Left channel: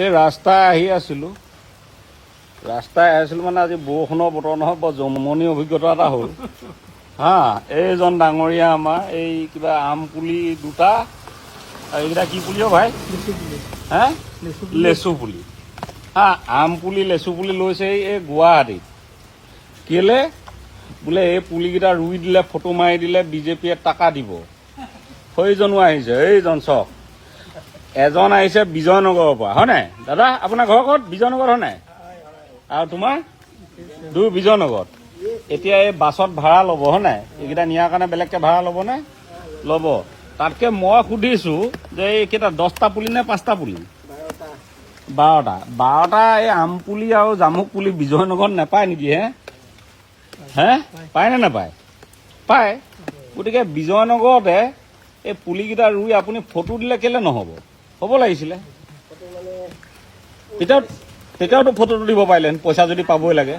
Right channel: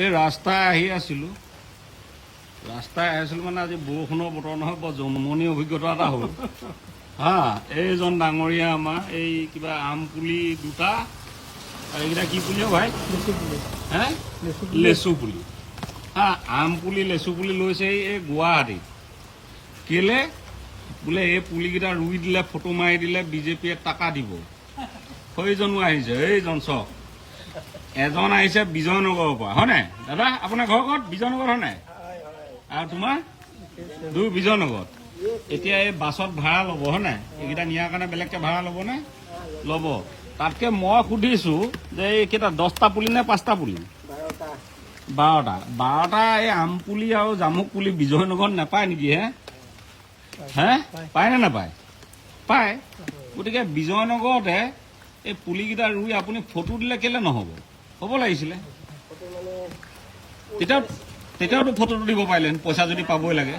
এই ৰাস্তাই আহি আছিলোঁ মানে আজি বৰষুণৰ বতৰ নহয়, বৰ জমনি অভিজ্ঞতা এটা হ'ল। হা, এইজন ডাঙৰীয়া আমাৰ এই কিবা আম পুলি দুটা আৰু এইকেইটা কি পুলি ভাই? হে, লেচু পুলি। হা, আম পুলি লেচু পুলি লৈছে এই গুৱাহাটীত। কেলে বোলে এই পুলিকেইটা ৰুই দিলে, ফটো মাৰি দিলে বিজেপিয়ে টকা দিব। সেইজনো আহিছে, এইজন চক এজন আহিছে বিজয়নগৰৰ পৰা, হয় নাই দাদা? আপোনাৰ ঘৰ ক'ত? বিজয়নগৰ হয় নাই? আৰু তোমাৰ বিজয়নগৰত। এতিয়া এই বাছত ভাড়া ল'ব, হয় নাই? এইকেইটা নিয়াৰ কাৰণে বেলেগকে ভাড়া ল'বনে? ল'ব। তাতকে মই সুধিছো যে এইকেইটা 10টা পুলি নে 5টা পুলি? 12টা এই আম পুলি আৰু জামুক পুলি বিজয়নগৰত নাপায় নেকি? হে, পায় নে নাপায়? পায়। গতিকে বিজয়নগৰতে এই পুলিকেইটা ৰুই আপুনি ফটো দিলে কেলে নহ'ব? হ'ব লাগিছিলে। তেতিয়াওতো ফটোটো দিব পাৰিলেন, পইচা যদি পাবই লাগে।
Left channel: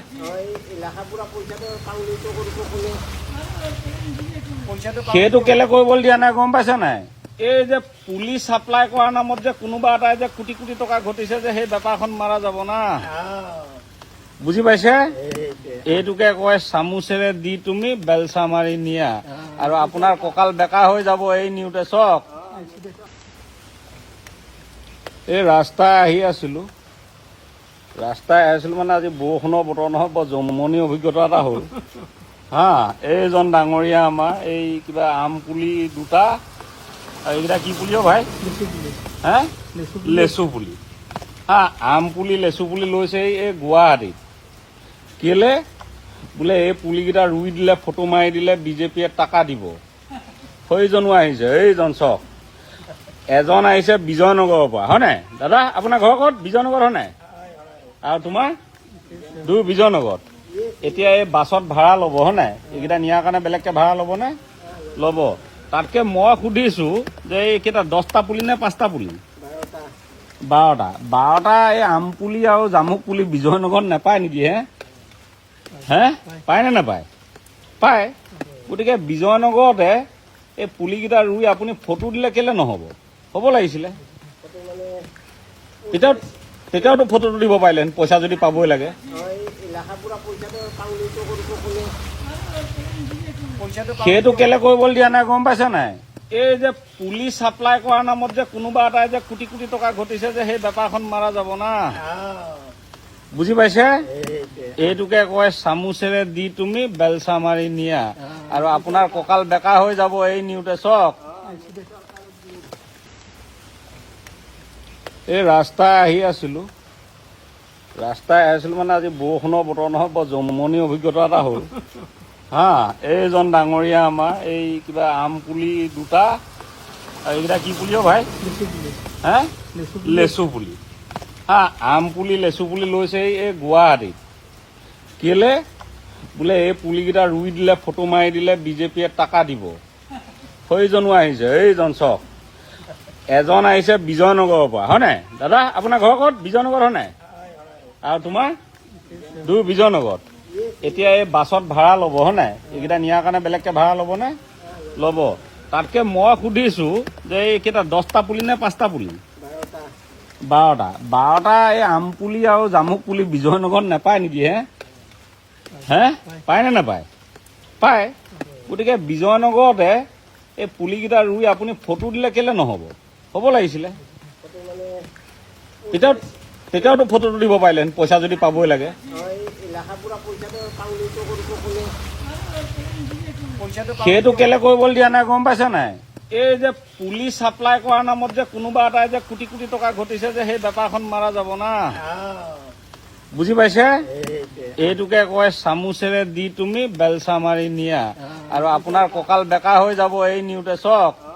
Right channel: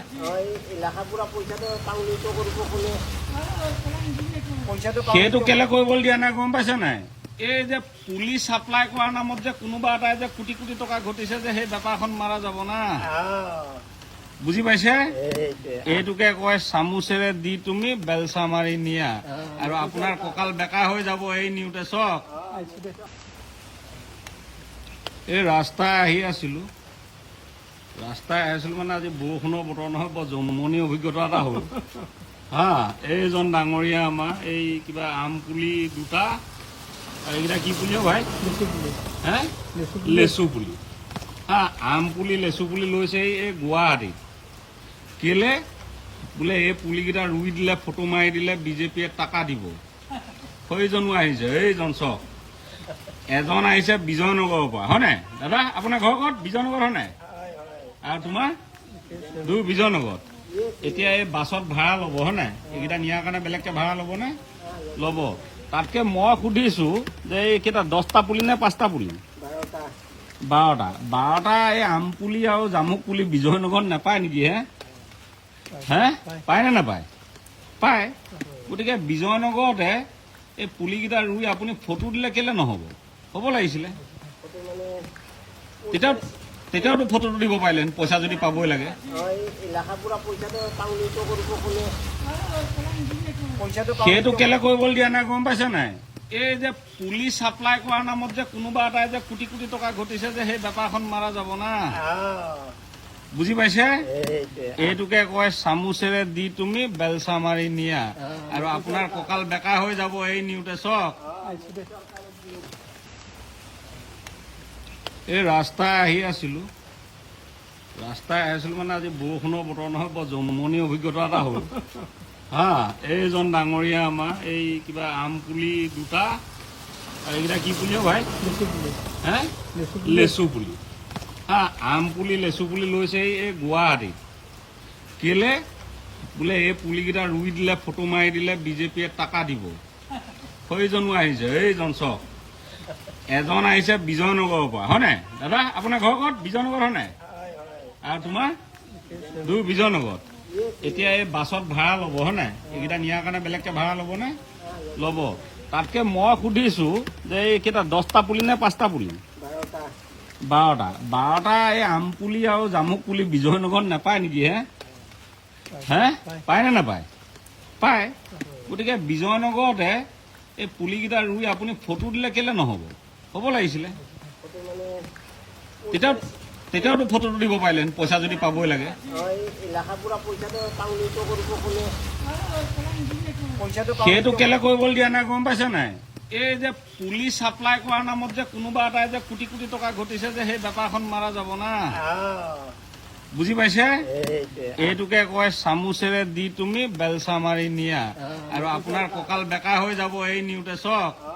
সেইটো কেলে কৰিবলৈ দিয়া নাই গম পাইছে নাই? এই যে পুলি চাপ্লাই কৰাৰ নামত যে কোনোবা এটাই যে কোটি কোটি টকা ঘটিছে যে সেই বেপাৰখন মাৰা যাব না। বুজি পাইছে? এইটোকে কয় চামুচেৰে দি তুমি বেলচা মাৰি নিয়া, আৰু আপোনাৰ কঁকাল বেকা হৈ যাব এই নিউতে চক। এই ৰাস্তাই আহি আছিলোঁ মানে আজি বৰষুণৰ বতৰ নহয়, বৰ জমনি অভিজ্ঞতা এটা হ'ল। হা, এইজন ডাঙৰীয়া আমাৰ এই কিবা আম পুলি দুটা আৰু এইকেইটা কি পুলি ভাই? হে, লেচু পুলি। হা, আম পুলি লেচু পুলি লৈছে এই গুৱাহাটীত। কেলে বোলে এই পুলিকেইটা ৰুই দিলে, ফটো মাৰি দিলে বিজেপিয়ে টকা দিব। সেইজনো আহিছে, এইজন চক এজন আহিছে বিজয়নগৰৰ পৰা, হয় নাই দাদা? আপোনাৰ ঘৰ ক'ত? বিজয়নগৰ হয় নাই? আৰু তোমাৰ বিজয়নগৰত। এতিয়া এই বাছত ভাড়া ল'ব, হয় নাই? এইকেইটা নিয়াৰ কাৰণে বেলেগকে ভাড়া ল'বনে? ল'ব। তাতকে মই সুধিছো যে এইকেইটা 10টা পুলি নে 5টা পুলি? 12টা এই আম পুলি আৰু জামুক পুলি বিজয়নগৰত নাপায় নেকি? হে, পায় নে নাপায়? পায়। গতিকে বিজয়নগৰতে এই পুলিকেইটা ৰুই আপুনি ফটো দিলে কেলে নহ'ব? হ'ব লাগিছিলে। তেতিয়াওতো ফটোটো দিব পাৰিলেন, পইচা যদি পাবই লাগে। সেইটো কেলে কৰিবলৈ দিয়া নাই গম পাইছে নাই? এই যে পুলি চাপ্লাই কৰাৰ নামত যে কোনোবা এটাই যে কোটি কোটি টকা ঘটিছে যে সেই বেপাৰখন মাৰা যাব না। বুজি পাইছে? এইটোকে কয় চামুচেৰে দি তুমি বেলচা মাৰি নিয়া, আৰু আপোনাৰ কঁকাল বেকা হৈ যাব এই নিউতে চক। এই ৰাস্তাই আহি আছিলোঁ মানে আজি বৰষুণৰ বতৰ নহয়, বৰ জমনি অভিজ্ঞতা এটা হ'ল। হা, এইজন ডাঙৰীয়া আমাৰ এই কিবা আম পুলি দুটা আৰু এইকেইটা কি পুলি ভাই? হে, লেচু পুলি। হা, আম পুলি লেচু পুলি লৈছে এই গুৱাহাটীত। কেলে বোলে এই পুলিকেইটা ৰুই দিলে, ফটো মাৰি দিলে বিজেপিয়ে টকা দিব। সেইজনো আহিছে, এইজন চক এজন আহিছে বিজয়নগৰৰ পৰা, হয় নাই দাদা? আপোনাৰ ঘৰ ক'ত? বিজয়নগৰ হয় নাই? আৰু তোমাৰ বিজয়নগৰত। এতিয়া এই বাছত ভাড়া ল'ব, হয় নাই? এইকেইটা নিয়াৰ কাৰণে বেলেগকে ভাড়া ল'বনে? ল'ব। তাতকে মই সুধিছো যে এইকেইটা 10টা পুলি নে 5টা পুলি? 12টা এই আম পুলি আৰু জামুক পুলি বিজয়নগৰত নাপায় নেকি? হে, পায় নে নাপায়? পায়। গতিকে বিজয়নগৰতে এই পুলিকেইটা ৰুই আপুনি ফটো দিলে কেলে নহ'ব? হ'ব লাগিছিলে। তেতিয়াওতো ফটোটো দিব পাৰিলেন, পইচা যদি পাবই লাগে। সেইটো কেলে কৰিবলৈ দিয়া নাই গম পাইছে নাই? এই যে পুলি চাপ্লাই কৰাৰ নামত যে কোনোবা এটাই যে কোটি কোটি টকা ঘটিছে যে সেই বেপাৰখন মাৰা যাব না। বুজি পাইছে? এইটোকে কয় চামুচেৰে দি তুমি বেলচা মাৰি নিয়া, আৰু আপোনাৰ কঁকাল বেকা হৈ যাব এই নিউতে চক।